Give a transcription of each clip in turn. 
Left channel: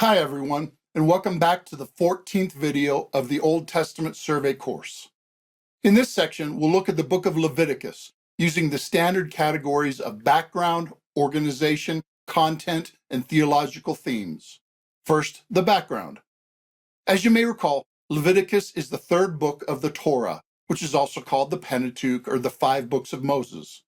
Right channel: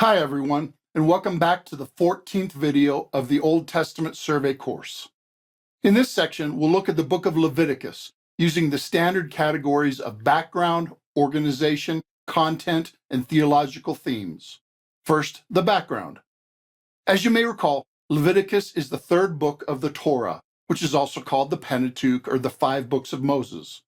Hi everyone, and welcome back to the 14th video of the Old Testament survey course. In this section, we'll look at the book of Leviticus using the standard categories of background, organization, content, and theological themes. First, the background. As you may recall, Leviticus is the third book of the Torah, which is also called the Pentateuch or the five books of Moses.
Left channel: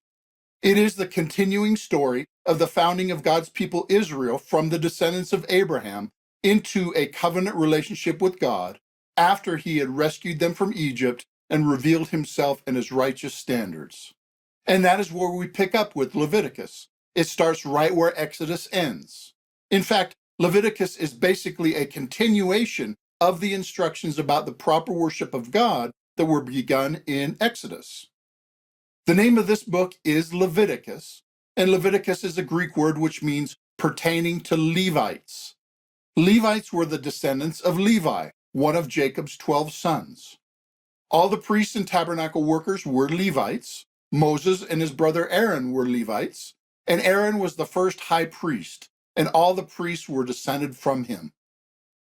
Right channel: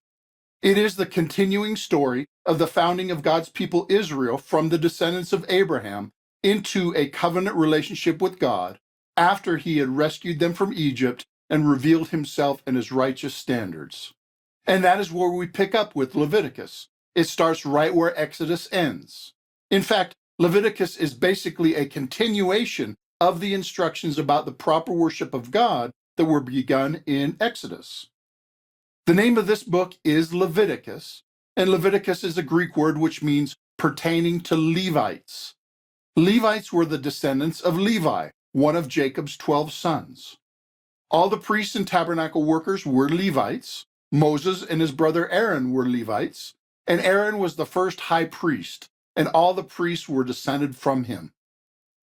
It is the continuing story of the founding of God's people Israel from the descendants of Abraham into a covenant relationship with God after he had rescued them from Egypt and revealed himself and his righteous standards. And that is where we pick up with Leviticus. It starts right where Exodus ends. In fact, Leviticus is basically a continuation of the instructions about the proper worship of God that were begun in Exodus. The name of this book is Leviticus, and Leviticus is a Greek word which means pertaining to Levites. Levites were the descendants of Levi, one of Jacob's 12 sons. All the priests and tabernacle workers were Levites. Moses and his brother Aaron were Levites, and Aaron was the first high priest, and all the priests were descended from him.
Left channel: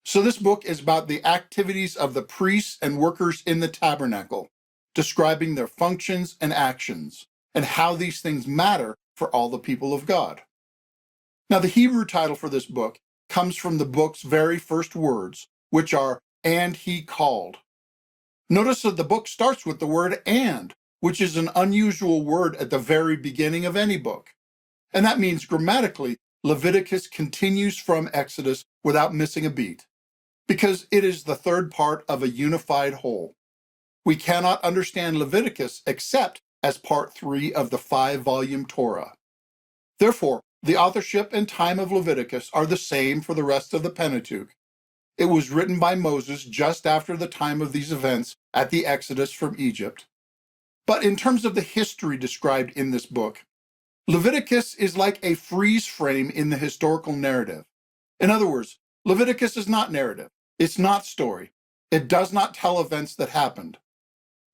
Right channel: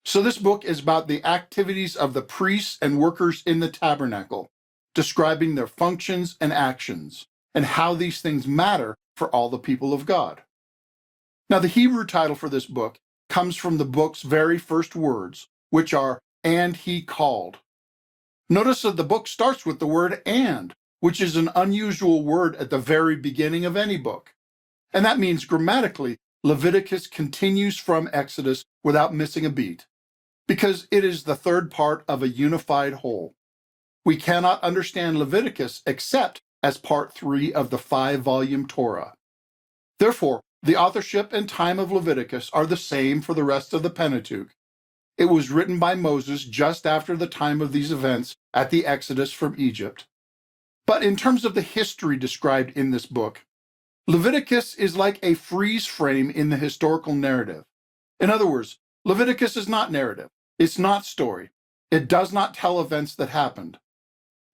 So this book is about the activities of the priests and workers in the tabernacle, describing their functions and actions, and how these things matter for all the people of God. Now, the Hebrew title for this book comes from the book's very first words, which are, "and he called." Notice that the book starts with the word "and," which is an unusual word at the very beginning of any book. And that means grammatically, Leviticus continues from Exodus without missing a beat, because it is the third part of a unified whole. We cannot understand Leviticus except as part 3 of the 5-volume Torah. Therefore, the authorship and time of Leviticus are the same for the rest of the Pentateuch. It was written by Moses just after the time of these events at the Exodus from Egypt. But in terms of the history described in this book, Leviticus is like a freeze frame in the historical narrative. In other words, Leviticus is not narrative. It's not story. It does not tell events that happened.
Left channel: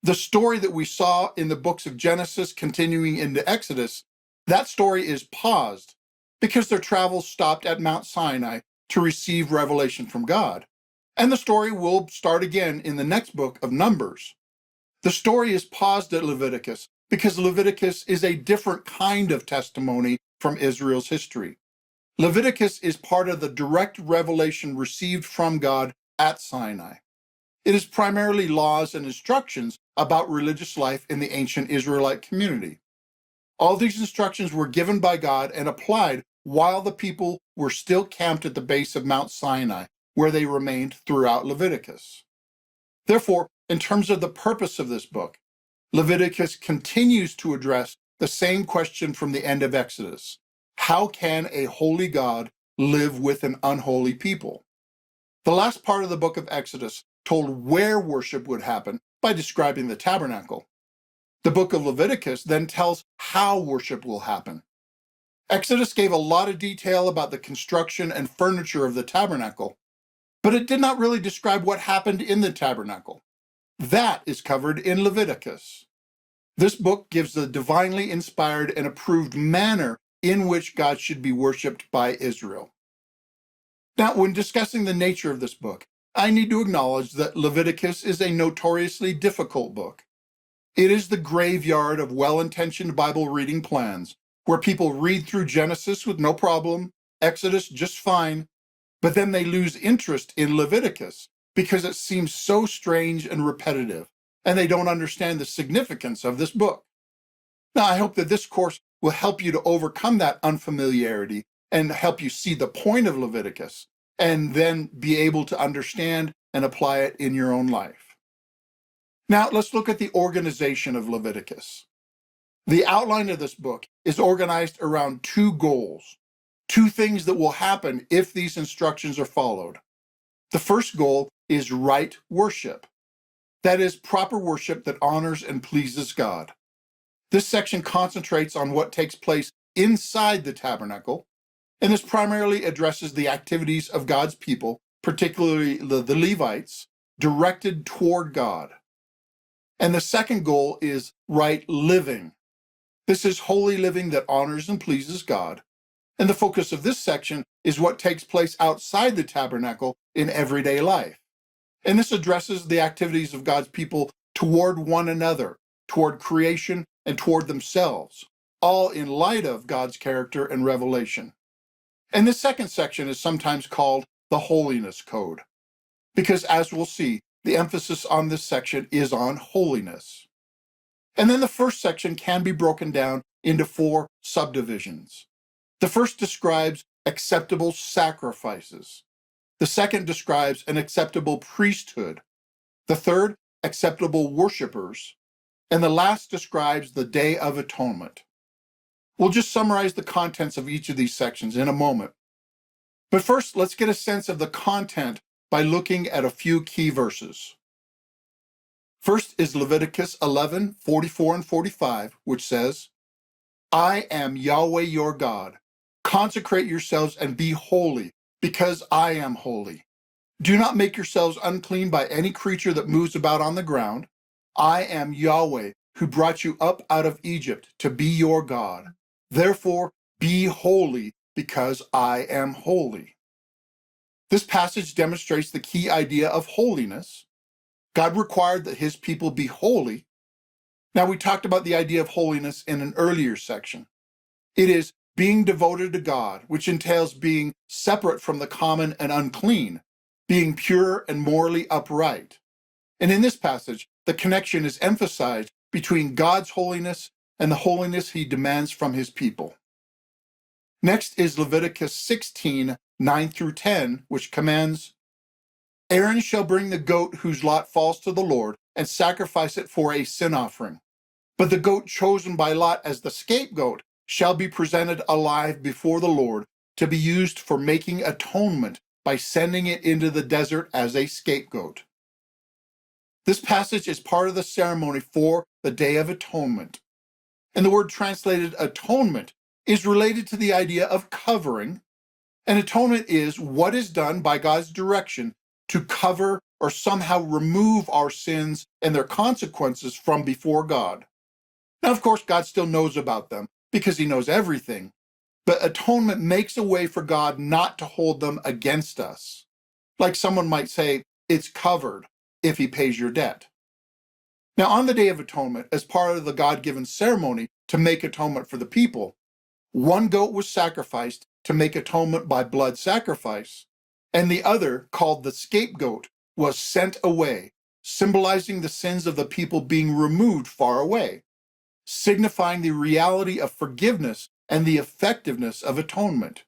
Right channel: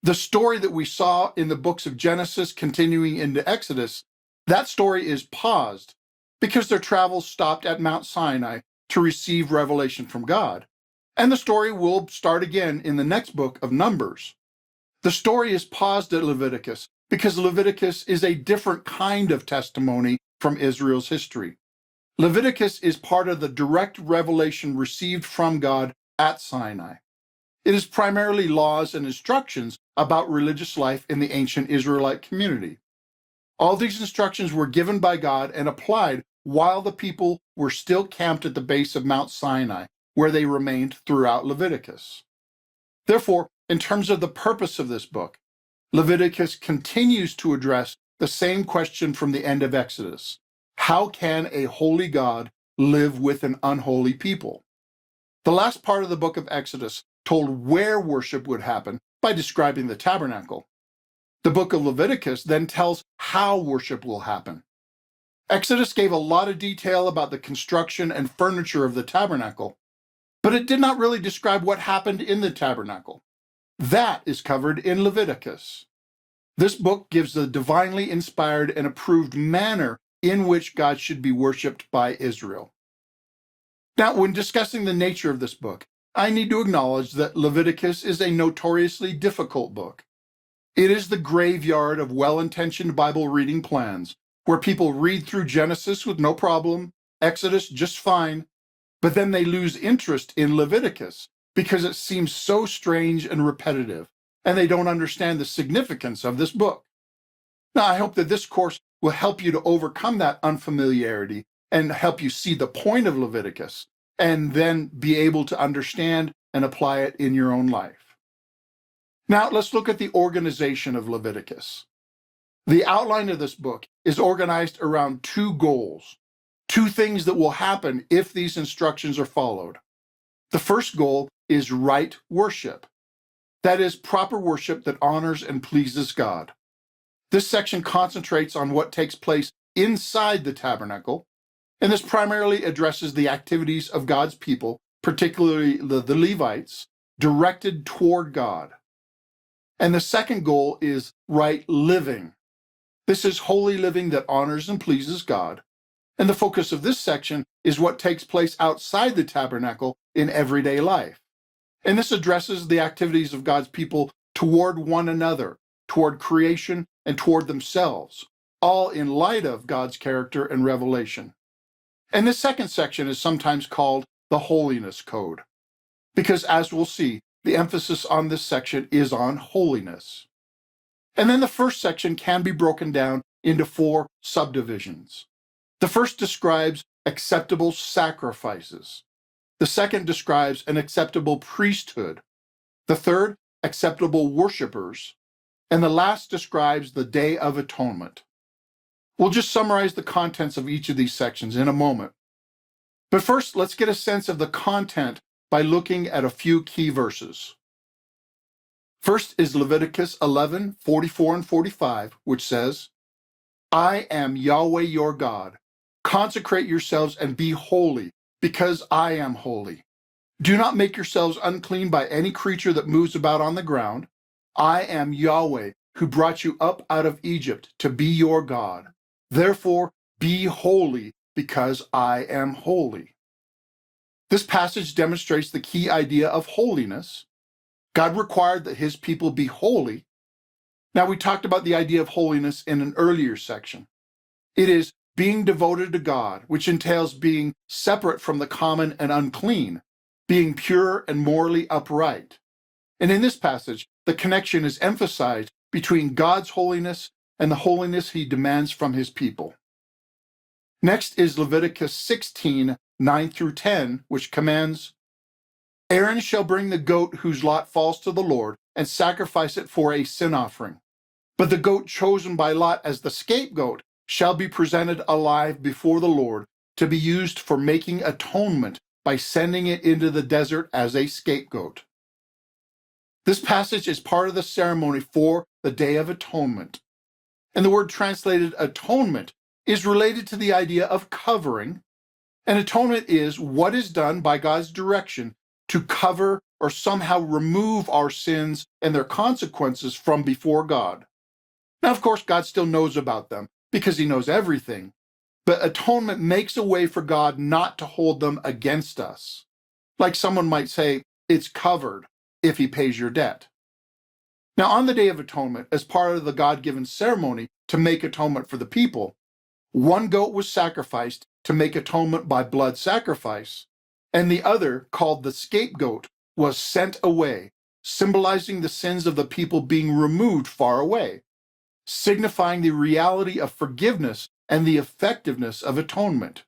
The story that we saw in the books of Genesis continuing into Exodus, that story is paused because their travels stopped at Mount Sinai to receive revelation from God. And the story will start again in the next book of Numbers. The story is paused at Leviticus because Leviticus is a different kind of testimony from Israel's history. Leviticus is part of the direct revelation received from God at Sinai. It is primarily laws and instructions about religious life in the ancient Israelite community. All these instructions were given by God and applied while the people were still camped at the base of Mount Sinai, where they remained throughout Leviticus. Therefore, in terms of the purpose of this book, Leviticus continues to address the same question from the end of Exodus. How can a holy God live with an unholy people? The last part of the book of Exodus told where worship would happen by describing the tabernacle. The book of Leviticus then tells how worship will happen. Exodus gave a lot of detail about the construction and furniture of the tabernacle, but it did not really describe what happened in the tabernacle. That is covered in Leviticus. This book gives the divinely inspired and approved manner in which God should be worshiped by Israel. Now, when discussing the nature of this book, I need to acknowledge that Leviticus is a notoriously difficult book. It is the graveyard of well-intentioned Bible reading plans, where people read through Genesis with no problem, Exodus just fine, but then they lose interest in Leviticus because it seems so strange and repetitive, and they don't understand the significance of this book. Now, I hope that this course will help you to overcome that unfamiliarity and help you see the point of Leviticus, and then be able to understand and apply it in your own life. Now, let's look at the organization of Leviticus. The outline of this book is organized around two goals, two things that will happen if these instructions are followed. The first goal is right worship. That is, proper worship that honors and pleases God. This section concentrates on what takes place inside the tabernacle, and this primarily addresses the activities of God's people, particularly the Levites, directed toward God. And the second goal is right living. This is holy living that honors and pleases God. And the focus of this section is what takes place outside the tabernacle in everyday life. And this addresses the activities of God's people toward one another, toward creation, and toward themselves, all in light of God's character and revelation. And this second section is sometimes called the Holiness Code, because as we'll see, the emphasis on this section is on holiness. And then the first section can be broken down into 4 subdivisions. The first describes acceptable sacrifices. The second describes an acceptable priesthood. The third, acceptable worshipers. And the last describes the Day of Atonement. We'll just summarize the contents of each of these sections in a moment. But first, let's get a sense of the content by looking at a few key verses. First is Leviticus 11:44 and 45, which says, I am Yahweh your God. Consecrate yourselves and be holy, because I am holy. Do not make yourselves unclean by any creature that moves about on the ground. I am Yahweh, who brought you up out of Egypt to be your God. Therefore, be holy, because I am holy. This passage demonstrates the key idea of holiness. God required that his people be holy. Now, we talked about the idea of holiness in an earlier section. It is being devoted to God, which entails being separate from the common and unclean, being pure and morally upright. And in this passage, the connection is emphasized between God's holiness and the holiness he demands from his people. Next is Leviticus 16:9 through 10, which commands, Aaron shall bring the goat whose lot falls to the Lord and sacrifice it for a sin offering. But the goat chosen by lot as the scapegoat shall be presented alive before the Lord to be used for making atonement by sending it into the desert as a scapegoat. This passage is part of the ceremony for the Day of Atonement. And the word translated atonement is related to the idea of covering. And atonement is what is done by God's direction to cover or somehow remove our sins and their consequences from before God. Now, of course, God still knows about them because he knows everything, but atonement makes a way for God not to hold them against us. Like someone might say, it's covered if he pays your debt. Now, on the Day of Atonement, as part of the God-given ceremony to make atonement for the people, one goat was sacrificed to make atonement by blood sacrifice, and the other, called the scapegoat, was sent away, symbolizing the sins of the people being removed far away, signifying the reality of forgiveness and the effectiveness of atonement.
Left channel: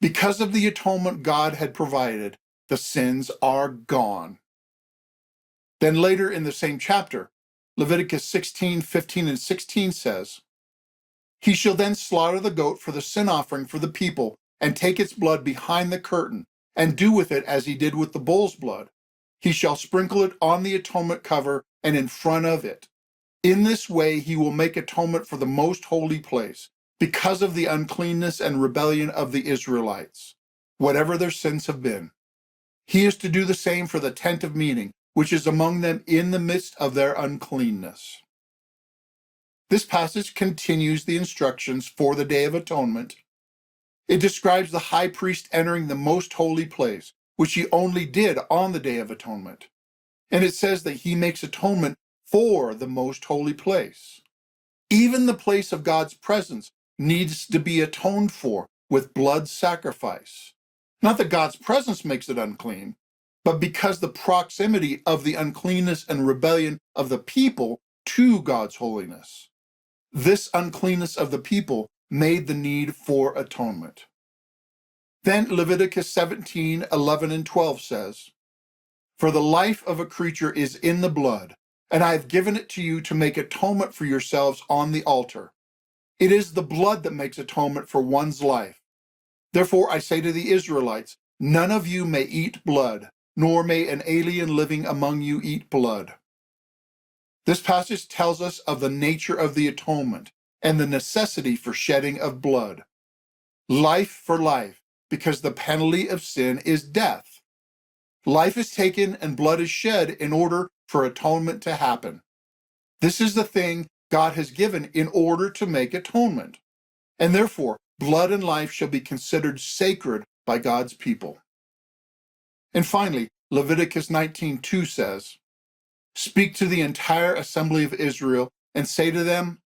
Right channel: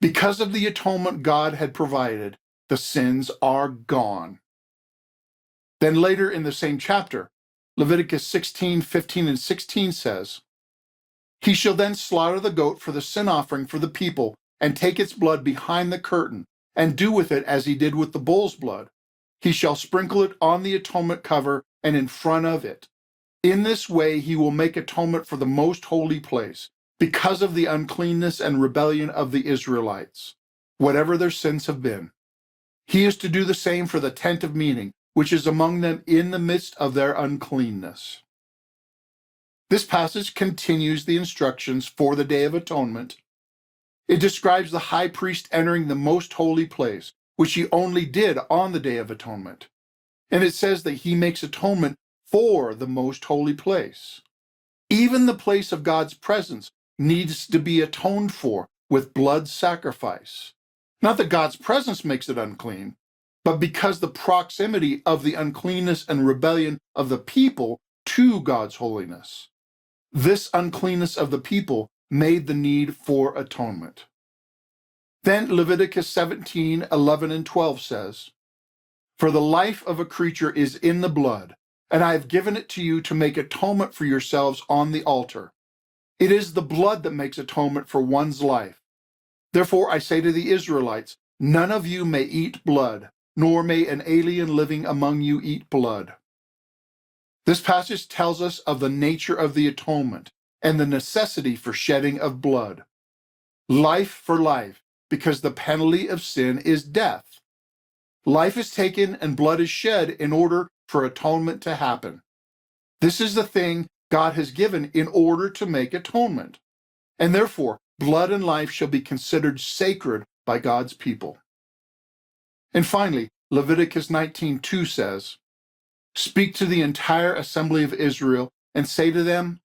Because of the atonement God had provided, the sins are gone. Then later in the same chapter, Leviticus 16:15 and 16 says, He shall then slaughter the goat for the sin offering for the people and take its blood behind the curtain and do with it as he did with the bull's blood. He shall sprinkle it on the atonement cover and in front of it. In this way he will make atonement for the most holy place because of the uncleanness and rebellion of the Israelites, whatever their sins have been. He is to do the same for the tent of meeting, which is among them in the midst of their uncleanness. This passage continues the instructions for the Day of Atonement. It describes the high priest entering the most holy place, which he only did on the Day of Atonement. And it says that he makes atonement for the most holy place. Even the place of God's presence needs to be atoned for with blood sacrifice. Not that God's presence makes it unclean, but because the proximity of the uncleanness and rebellion of the people to God's holiness. This uncleanness of the people made the need for atonement. Then Leviticus 17:11 and 12 says, For the life of a creature is in the blood, and I have given it to you to make atonement for yourselves on the altar. It is the blood that makes atonement for one's life. Therefore I say to the Israelites, none of you may eat blood, nor may an alien living among you eat blood. This passage tells us of the nature of the atonement and the necessity for shedding of blood. Life for life, because the penalty of sin is death. Life is taken and blood is shed in order for atonement to happen. This is the thing God has given in order to make atonement. And therefore, blood and life shall be considered sacred by God's people. And finally, Leviticus 19:2 says, "Speak to the entire assembly of Israel and say to them,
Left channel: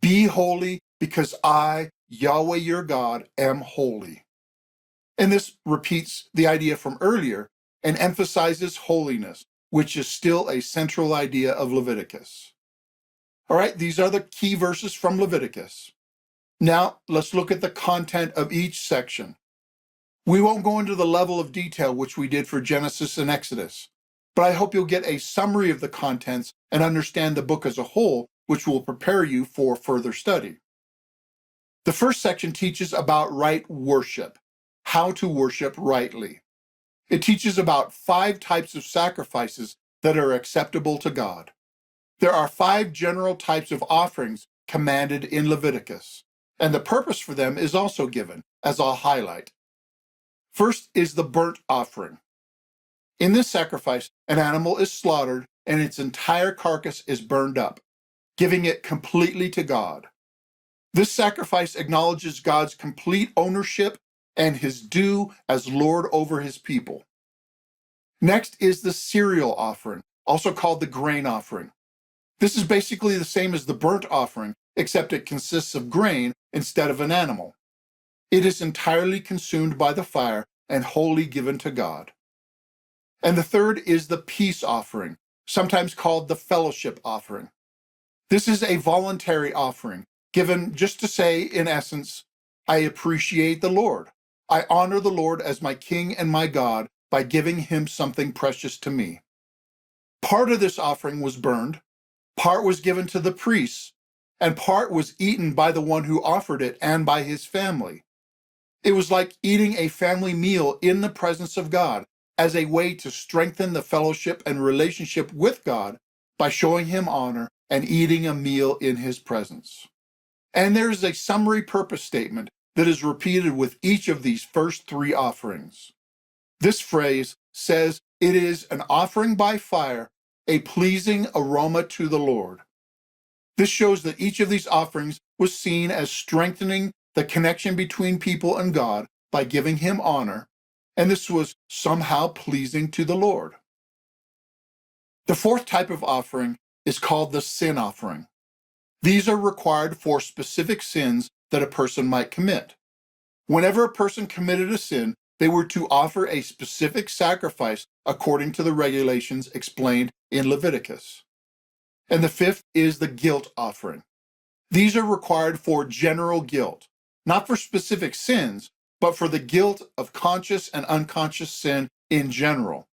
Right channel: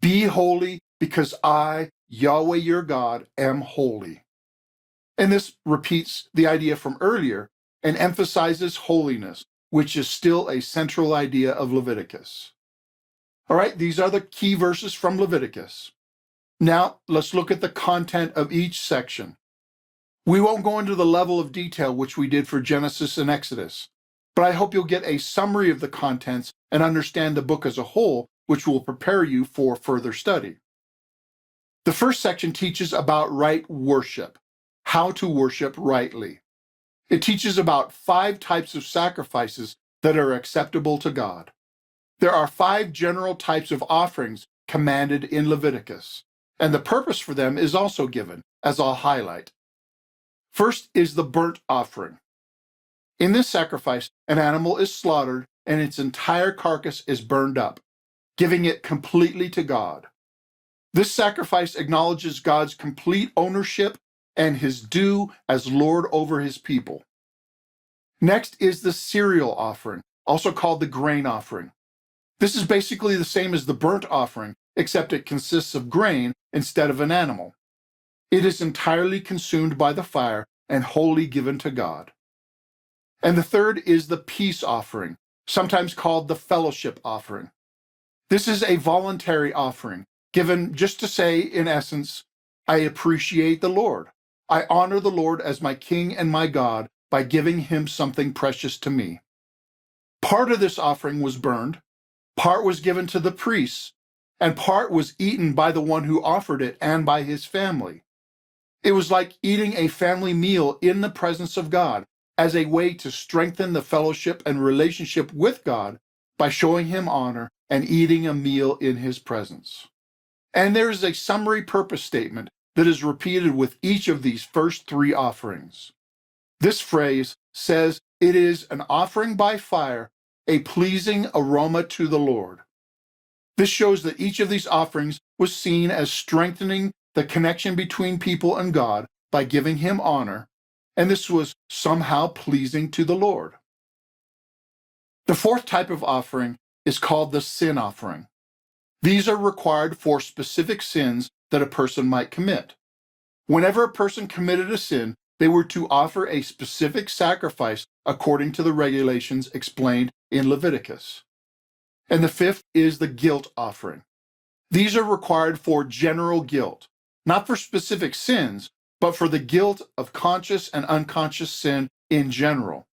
be holy, because I, Yahweh your God, am holy." And this repeats the idea from earlier and emphasizes holiness, which is still a central idea of Leviticus. All right, these are the key verses from Leviticus. Now, let's look at the content of each section. We won't go into the level of detail which we did for Genesis and Exodus, but I hope you'll get a summary of the contents and understand the book as a whole, which will prepare you for further study. The first section teaches about right worship, how to worship rightly. It teaches about 5 types of sacrifices that are acceptable to God. There are 5 general types of offerings commanded in Leviticus, and the purpose for them is also given, as I'll highlight. First is the burnt offering. In this sacrifice, an animal is slaughtered and its entire carcass is burned up, giving it completely to God. This sacrifice acknowledges God's complete ownership and his due as Lord over his people. Next is the cereal offering, also called the grain offering. This is basically the same as the burnt offering, except it consists of grain instead of an animal. It is entirely consumed by the fire and wholly given to God. And the third is the peace offering, sometimes called the fellowship offering. This is a voluntary offering, given just to say, in essence, I appreciate the Lord. I honor the Lord as my King and my God by giving him something precious to me. Part of this offering was burned, part was given to the priests, and part was eaten by the one who offered it and by his family. It was like eating a family meal in the presence of God as a way to strengthen the fellowship and relationship with God by showing him honor and eating a meal in his presence. And there is a summary purpose statement that is repeated with each of these first 3 offerings. This phrase says it is an offering by fire, a pleasing aroma to the Lord. This shows that each of these offerings was seen as strengthening the connection between people and God by giving him honor, and this was somehow pleasing to the Lord. The 4th type of offering is called the sin offering. These are required for specific sins that a person might commit. Whenever a person committed a sin, they were to offer a specific sacrifice according to the regulations explained in Leviticus. And the 5th is the guilt offering. These are required for general guilt, not for specific sins, but for the guilt of conscious and unconscious sin in general.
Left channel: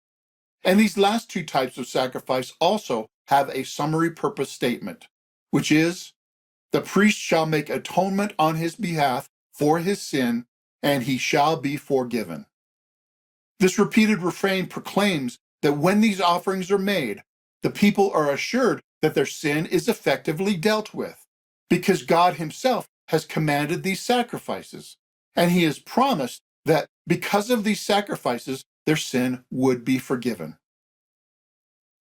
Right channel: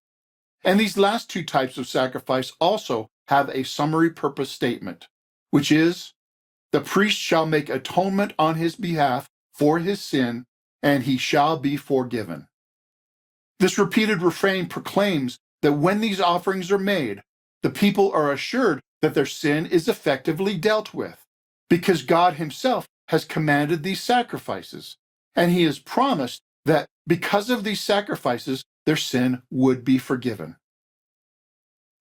And these last 2 types of sacrifice also have a summary purpose statement, which is, the priest shall make atonement on his behalf for his sin, and he shall be forgiven. This repeated refrain proclaims that when these offerings are made, the people are assured that their sin is effectively dealt with, because God himself has commanded these sacrifices, and he has promised that because of these sacrifices, their sin would be forgiven.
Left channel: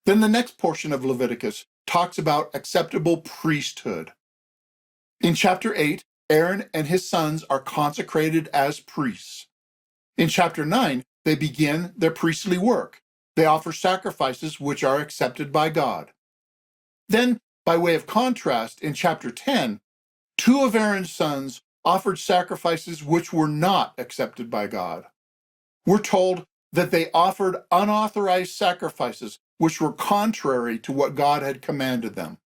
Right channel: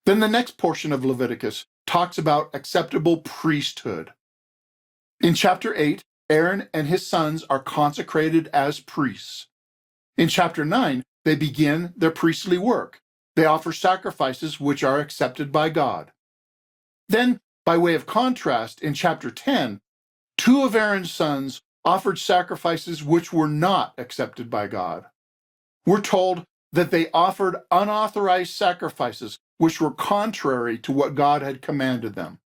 Then the next portion of Leviticus talks about acceptable priesthood. In chapter 8, Aaron and his sons are consecrated as priests. In chapter 9, they begin their priestly work. They offer sacrifices which are accepted by God. Then, by way of contrast, in chapter 10, 2 of Aaron's sons offered sacrifices which were not accepted by God. We're told that they offered unauthorized sacrifices which were contrary to what God had commanded them.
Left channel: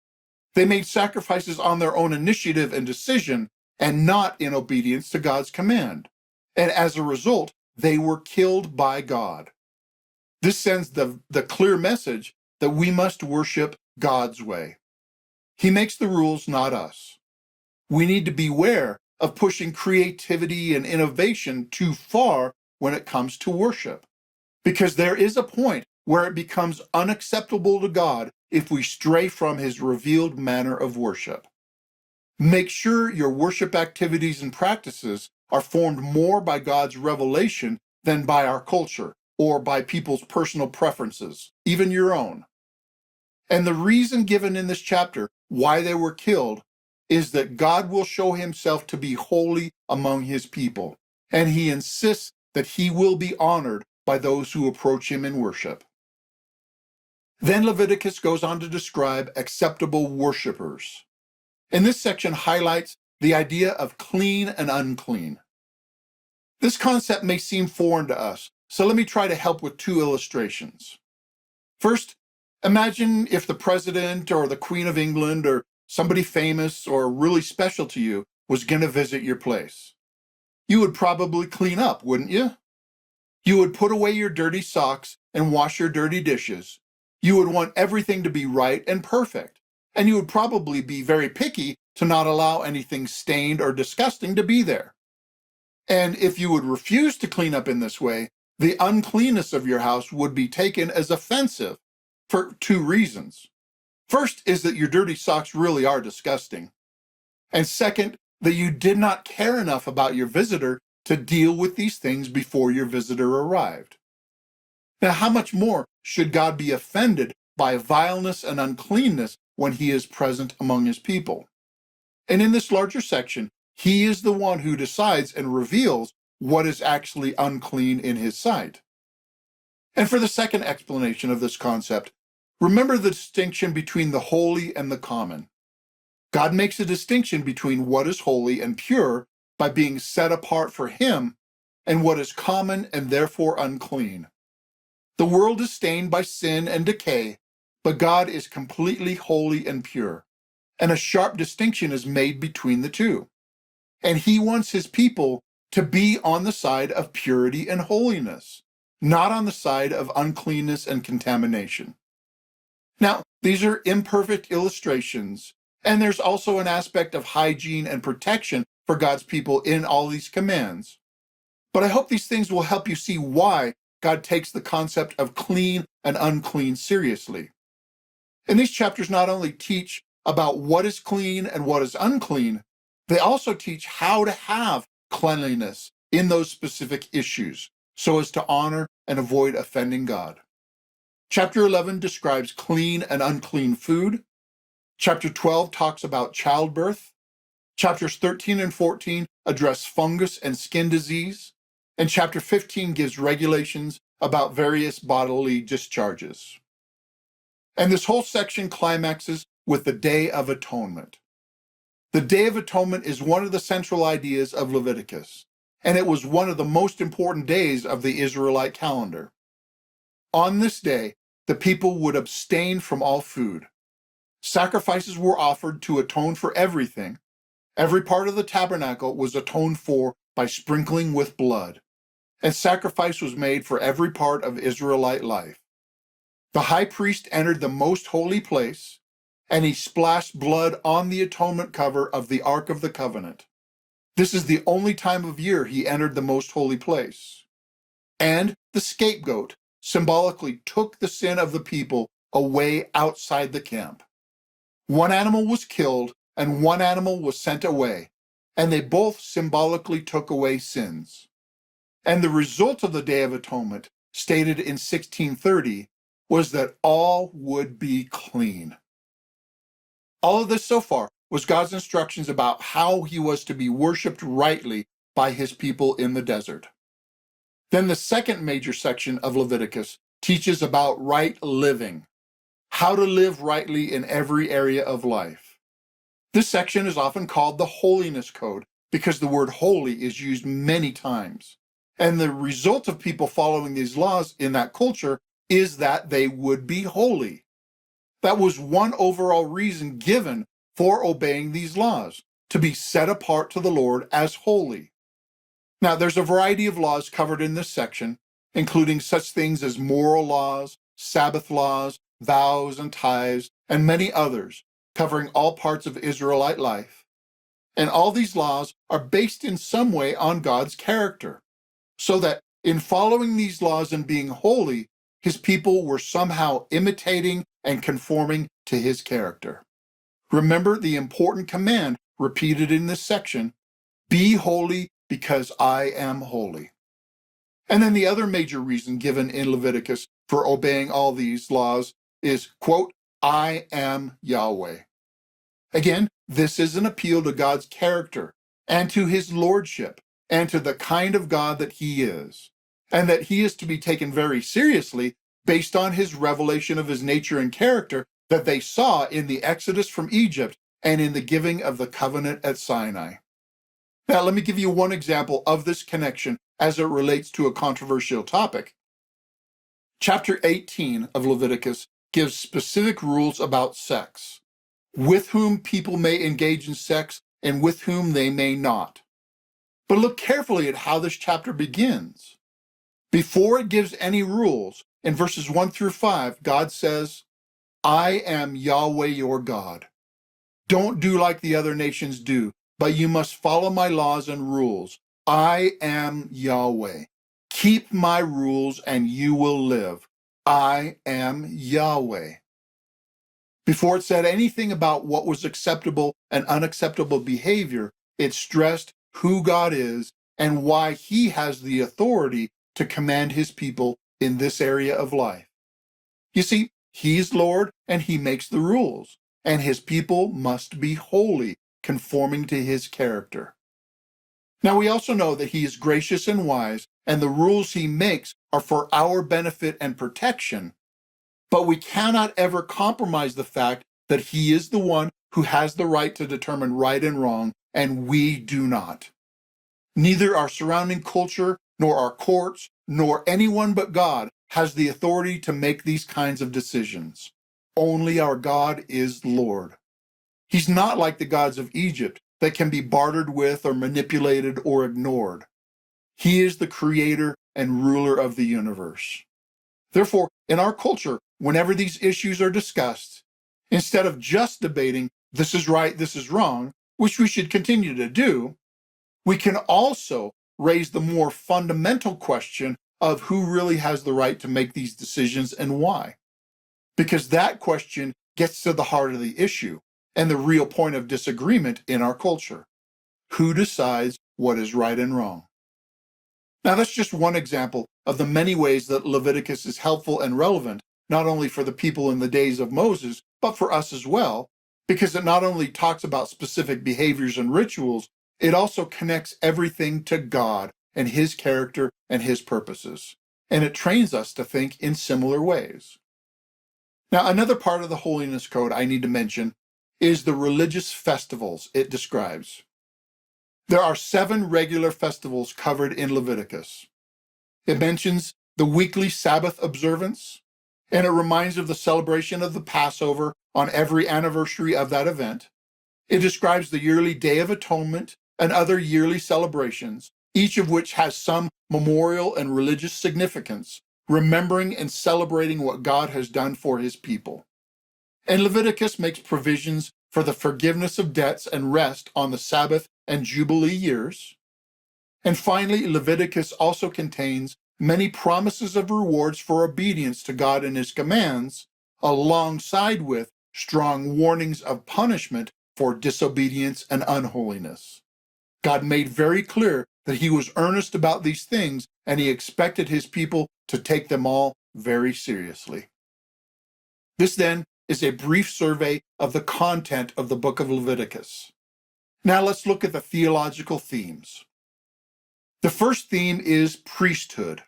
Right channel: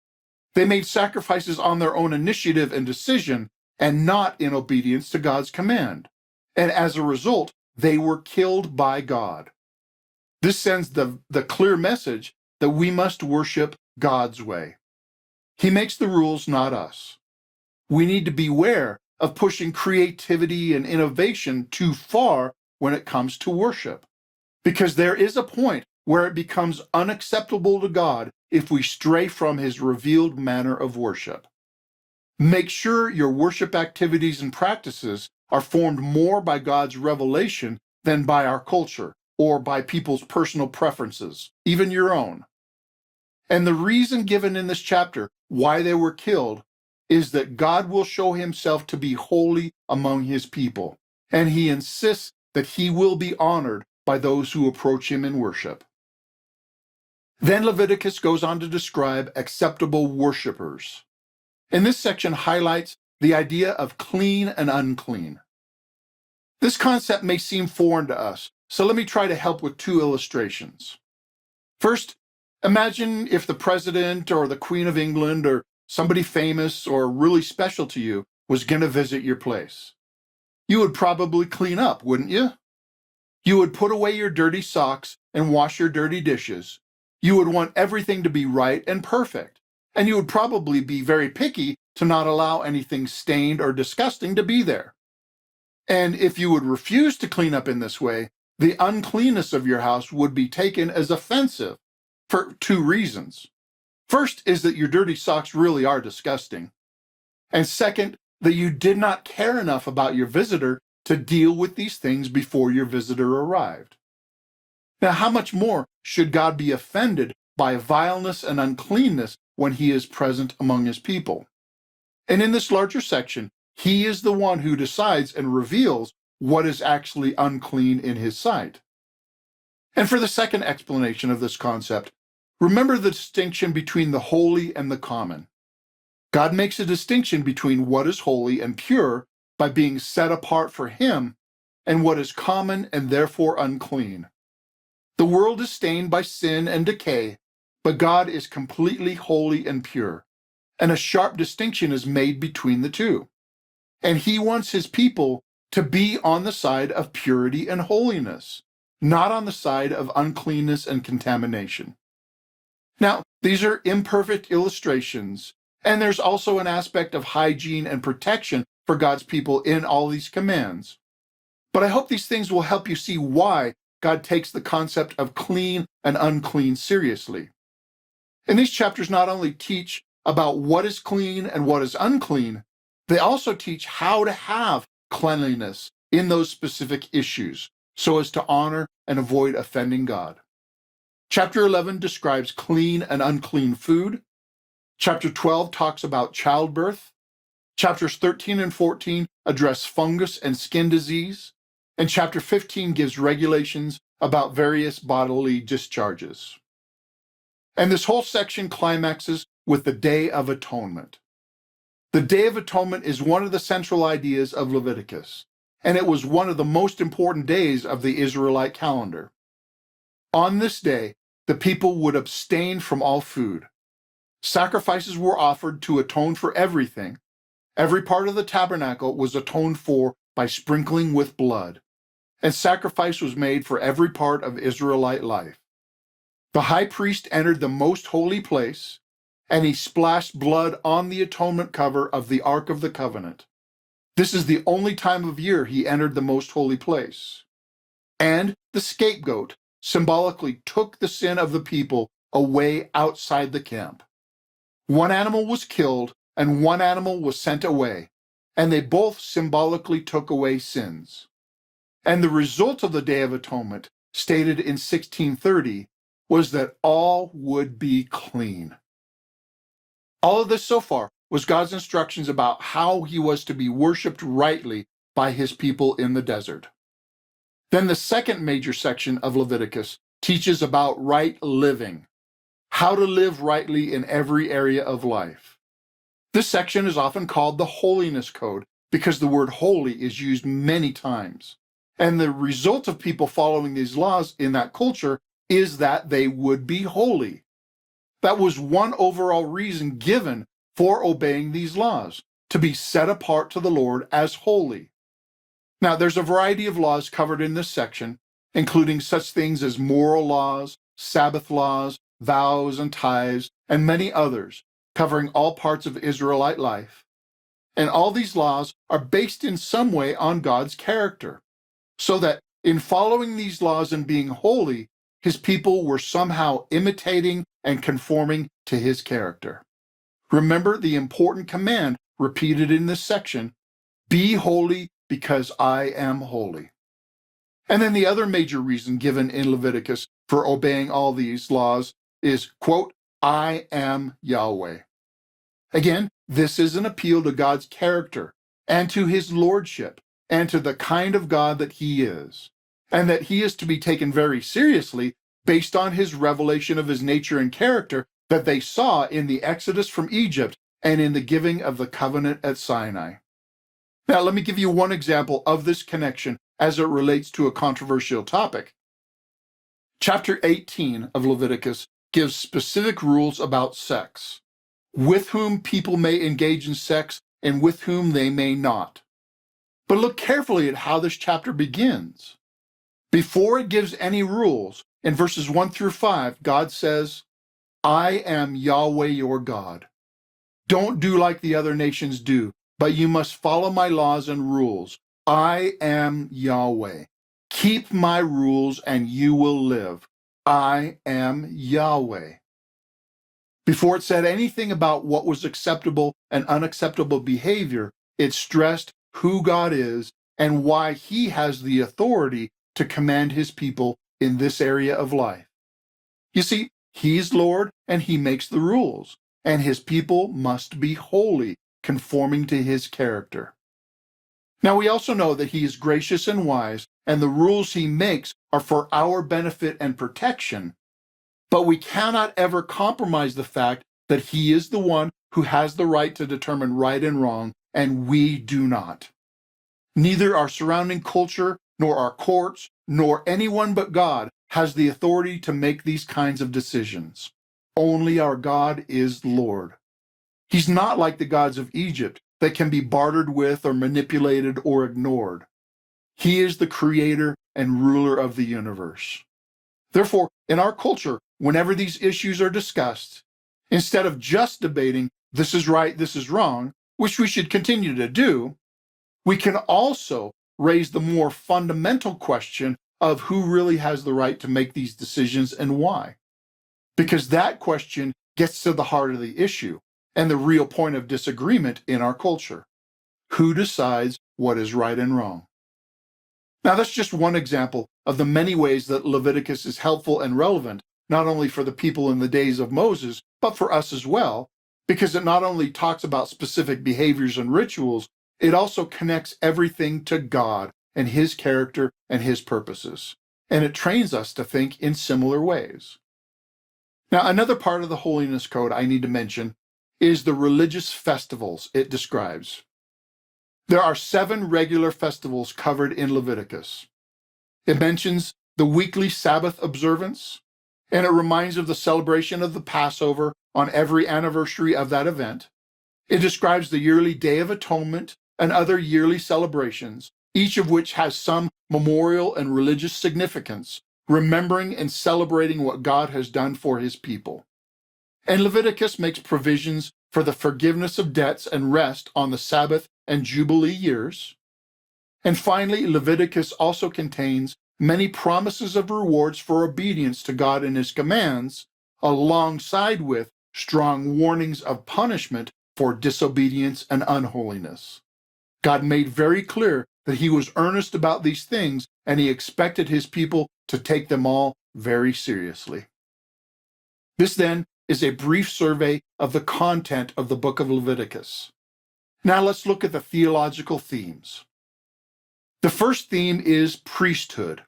They made sacrifices on their own initiative and decision and not in obedience to God's command. And as a result, they were killed by God. This sends the clear message that we must worship God's way. He makes the rules, not us. We need to beware of pushing creativity and innovation too far when it comes to worship, because there is a point where it becomes unacceptable to God if we stray from his revealed manner of worship. Make sure your worship activities and practices are formed more by God's revelation than by our culture or by people's personal preferences, even your own. And the reason given in this chapter why they were killed is that God will show himself to be holy among his people, and he insists that he will be honored by those who approach him in worship. Then Leviticus goes on to describe acceptable worshipers. And this section highlights the idea of clean and unclean. This concept may seem foreign to us, so let me try to help with two illustrations. First, imagine if the president or the Queen of England or somebody famous or really special to you was going to visit your place. You would probably clean up, wouldn't you? You would put away your dirty socks and wash your dirty dishes. You would want everything to be right and perfect. And you would probably be very picky to not allow anything stained or disgusting to be there. And if you would refuse to clean up in this way, the uncleanness of your house would be taken as offensive for two reasons. First is that your dirty socks really are disgusting. And second, that you did not care enough about your visitor to deal with these things before your visitor arrived. Now, how much more should God be offended by vileness and uncleanness when he is present among his people? And in this larger section, he is the one who decides and reveals what is actually unclean in his sight. And for the second explanation of this concept, remember the distinction between the holy and the common. God makes a distinction between what is holy and pure by being set apart for him and what is common and therefore unclean. The world is stained by sin and decay, but God is completely holy and pure, and a sharp distinction is made between the two. And he wants his people to be on the side of purity and holiness, not on the side of uncleanness and contamination. Now, these are imperfect illustrations, and there's also an aspect of hygiene and protection for God's people in all these commands. But I hope these things will help you see why God takes the concept of clean and unclean seriously. And these chapters not only teach about what is clean and what is unclean, they also teach how to have cleanliness in those specific issues so as to honor and avoid offending God. Chapter 11 describes clean and unclean food. Chapter 12 talks about childbirth. Chapters 13 and 14 address fungus and skin disease. And chapter 15 gives regulations about various bodily discharges. And this whole section climaxes with the Day of Atonement. The Day of Atonement is one of the central ideas of Leviticus, and it was one of the most important days of the Israelite calendar. On this day, the people would abstain from all food. Sacrifices were offered to atone for everything. Every part of the tabernacle was atoned for by sprinkling with blood, and sacrifice was made for every part of Israelite life. The high priest entered the most holy place, and he splashed blood on the atonement cover of the Ark of the Covenant. This is the only time of year he entered the most holy place. And the scapegoat symbolically took the sin of the people away outside the camp. One animal was killed and one animal was sent away, and they both symbolically took away sins. And the result of the Day of Atonement, stated in 1630, was that all would be clean. All of this so far was God's instructions about how he was to be worshiped rightly by his people in the desert. Then the second major section of Leviticus teaches about right living, how to live rightly in every area of life. This section is often called the Holiness Code because the word holy is used many times. And the result of people following these laws in that culture is that they would be holy. That was one overall reason given for obeying these laws, to be set apart to the Lord as holy. Now, there's a variety of laws covered in this section, including such things as moral laws, Sabbath laws, vows and tithes, and many others, covering all parts of Israelite life. And all these laws are based in some way on God's character, so that in following these laws and being holy, his people were somehow imitating and conforming to his character. Remember the important command repeated in this section, be holy because I am holy. And then the other major reason given in Leviticus for obeying all these laws is, quote, I am Yahweh. Again, this is an appeal to God's character and to his lordship and to the kind of God that he is, and that he is to be taken very seriously based on his revelation of his nature and character that they saw in the Exodus from Egypt and in the giving of the covenant at Sinai. Now, let me give you one example of this connection as it relates to a controversial topic. Chapter 18 of Leviticus gives specific rules about sex, with whom people may engage in sex and with whom they may not. But look carefully at how this chapter begins. Before it gives any rules, in verses 1 through 5, God says, I am Yahweh your God. Don't do like the other nations do, but you must follow my laws and rules. I am Yahweh. Keep my rules and you will live. I am Yahweh. Before it said anything about what was acceptable and unacceptable behavior, it stressed who God is and why he has the authority to command his people in this area of life. You see, he's Lord and he makes the rules, and his people must be holy, conforming to his character. Now, we also know that he is gracious and wise, and the rules he makes are for our benefit and protection, but we cannot ever compromise the fact that he is the one who has the right to determine right and wrong, and we do not. Neither our surrounding culture, nor our courts, nor anyone but God has the authority to make these kinds of decisions. Only our God is Lord. He's not like the gods of Egypt that can be bartered with or manipulated or ignored. He is the creator and ruler of the universe. Therefore, in our culture, whenever these issues are discussed, instead of just debating this is right, this is wrong, which we should continue to do, we can also raise the more fundamental question of who really has the right to make these decisions and why. Because that question gets to the heart of the issue and the real point of disagreement in our culture. Who decides what is right and wrong? Now, that's just one example of the many ways that Leviticus is helpful and relevant, not only for the people in the days of Moses, but for us as well, because it not only talks about specific behaviors and rituals, it also connects everything to God and his character and his purposes. And it trains us to think in similar ways. Now, another part of the Holiness Code I need to mention is the religious festivals it describes. There are 7 regular festivals covered in Leviticus. It mentions the weekly Sabbath observance, and it reminds of the celebration of the Passover on every anniversary of that event. It describes the yearly Day of Atonement and other yearly celebrations, each of which has some memorial and religious significance, remembering and celebrating what God has done for his people. And Leviticus makes provisions for the forgiveness of debts and rest on the Sabbath and Jubilee years. And finally, Leviticus also contains many promises of rewards for obedience to God and his commands, alongside with strong warnings of punishment for disobedience and unholiness. God made very clear that he was earnest about these things, and he expected his people to take them all very seriously. This then is a brief survey of the content of the book of Leviticus. Now let's look at the theological themes. The first theme is priesthood.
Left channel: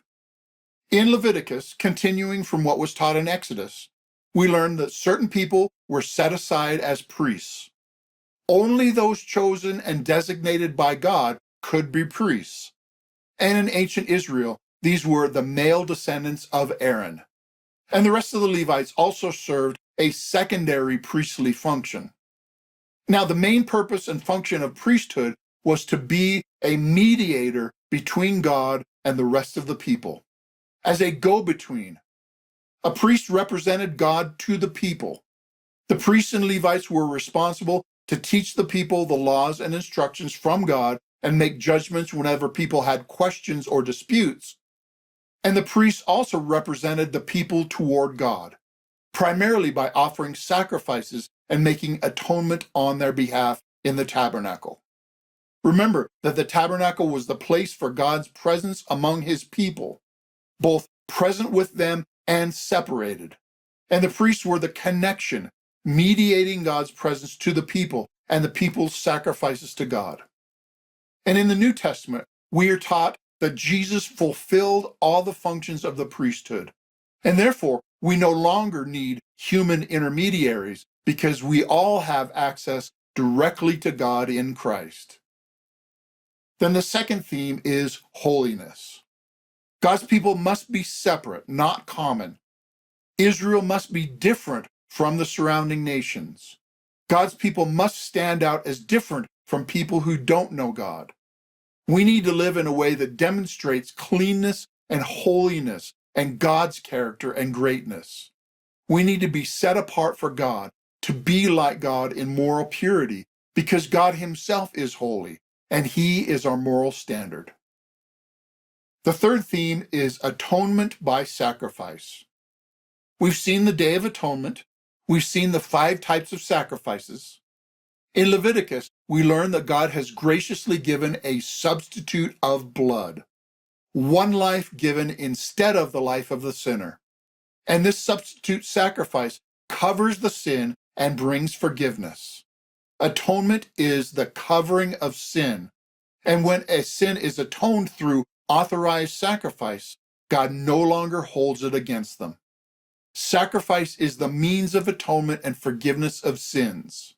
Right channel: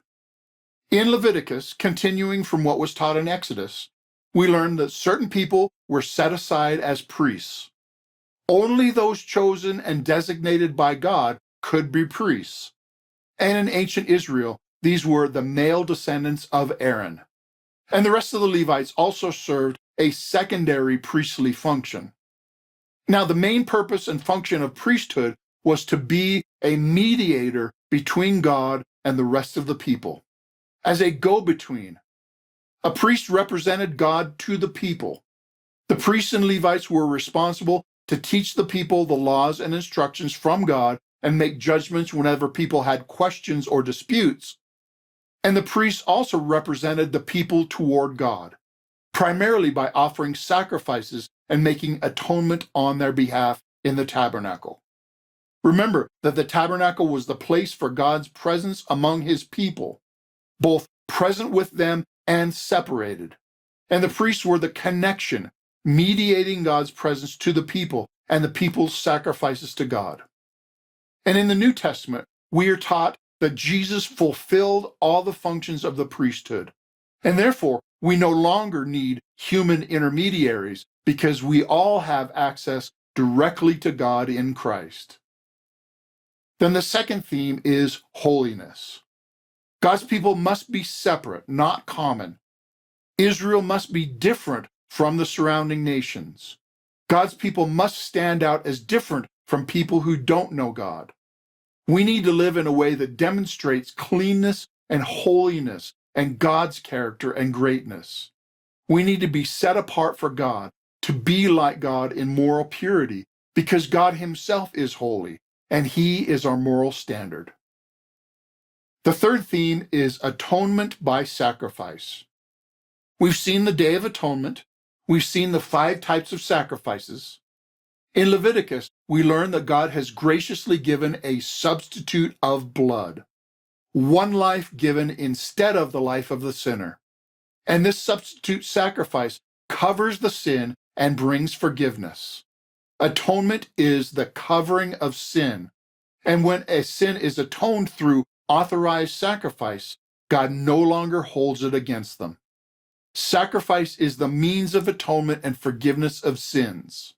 In Leviticus, continuing from what was taught in Exodus, we learn that certain people were set aside as priests. Only those chosen and designated by God could be priests. And in ancient Israel, these were the male descendants of Aaron. And the rest of the Levites also served a secondary priestly function. Now, the main purpose and function of priesthood was to be a mediator between God and the rest of the people. As a go-between, a priest represented God to the people. The priests and Levites were responsible to teach the people the laws and instructions from God and make judgments whenever people had questions or disputes. And the priests also represented the people toward God, primarily by offering sacrifices and making atonement on their behalf in the tabernacle. Remember that the tabernacle was the place for God's presence among his people, both present with them and separated. And the priests were the connection mediating God's presence to the people and the people's sacrifices to God. And in the New Testament, we are taught that Jesus fulfilled all the functions of the priesthood, and therefore we no longer need human intermediaries because we all have access directly to God in Christ. Then the second theme is holiness. God's people must be separate, not common. Israel must be different from the surrounding nations. God's people must stand out as different from people who don't know God. We need to live in a way that demonstrates cleanness and holiness and God's character and greatness. We need to be set apart for God, to be like God in moral purity, because God himself is holy, and he is our moral standard. The third theme is atonement by sacrifice. We've seen the Day of Atonement. We've seen the 5 types of sacrifices. In Leviticus, we learn that God has graciously given a substitute of blood, one life given instead of the life of the sinner. And this substitute sacrifice covers the sin and brings forgiveness. Atonement is the covering of sin. And when a sin is atoned through authorized sacrifice, God no longer holds it against them. Sacrifice is the means of atonement and forgiveness of sins.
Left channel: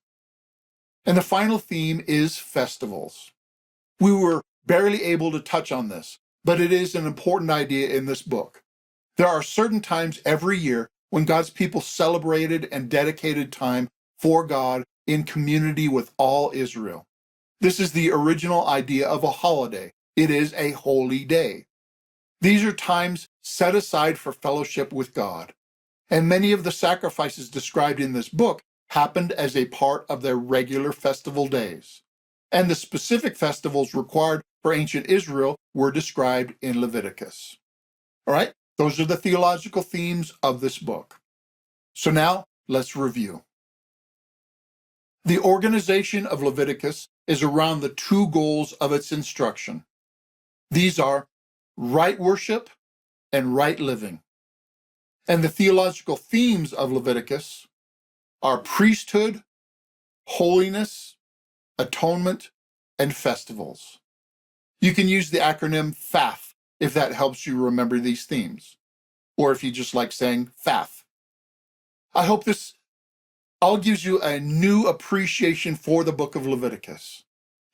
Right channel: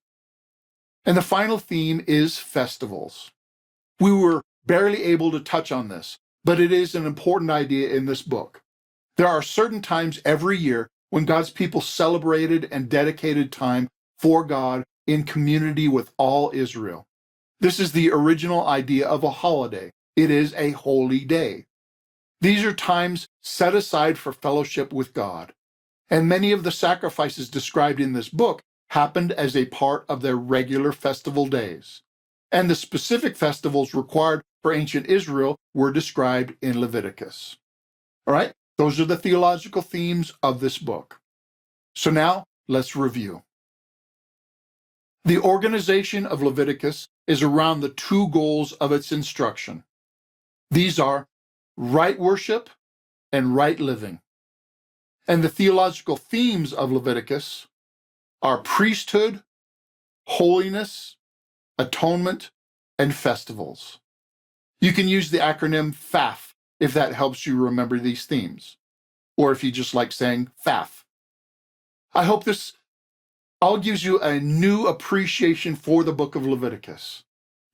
And the final theme is festivals. We were barely able to touch on this, but it is an important idea in this book. There are certain times every year when God's people celebrated and dedicated time for God in community with all Israel. This is the original idea of a holiday. It is a holy day. These are times set aside for fellowship with God. And many of the sacrifices described in this book happened as a part of their regular festival days. And the specific festivals required for ancient Israel were described in Leviticus. All right, those are the theological themes of this book. So now let's review. The organization of Leviticus is around the 2 goals of its instruction. These are right worship and right living. And the theological themes of Leviticus are priesthood, holiness, atonement, and festivals. You can use the acronym FAF if that helps you remember these themes, or if you just like saying FAF. I hope this all gives you a new appreciation for the book of Leviticus.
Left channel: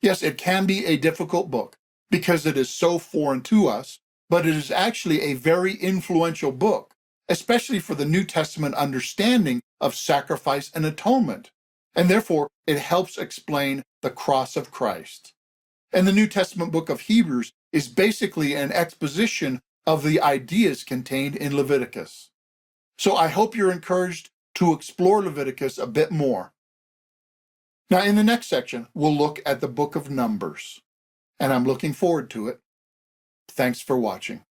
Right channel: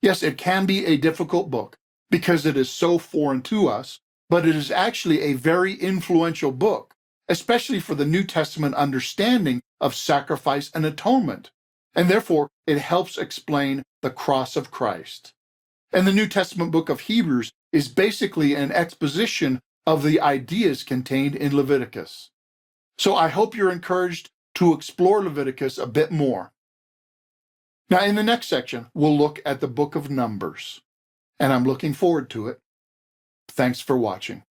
Yes, it can be a difficult book because it is so foreign to us, but it is actually a very influential book, especially for the New Testament understanding of sacrifice and atonement. And therefore, it helps explain the cross of Christ. And the New Testament book of Hebrews is basically an exposition of the ideas contained in Leviticus. So I hope you're encouraged to explore Leviticus a bit more. Now, in the next section, we'll look at the book of Numbers, and I'm looking forward to it. Thanks for watching.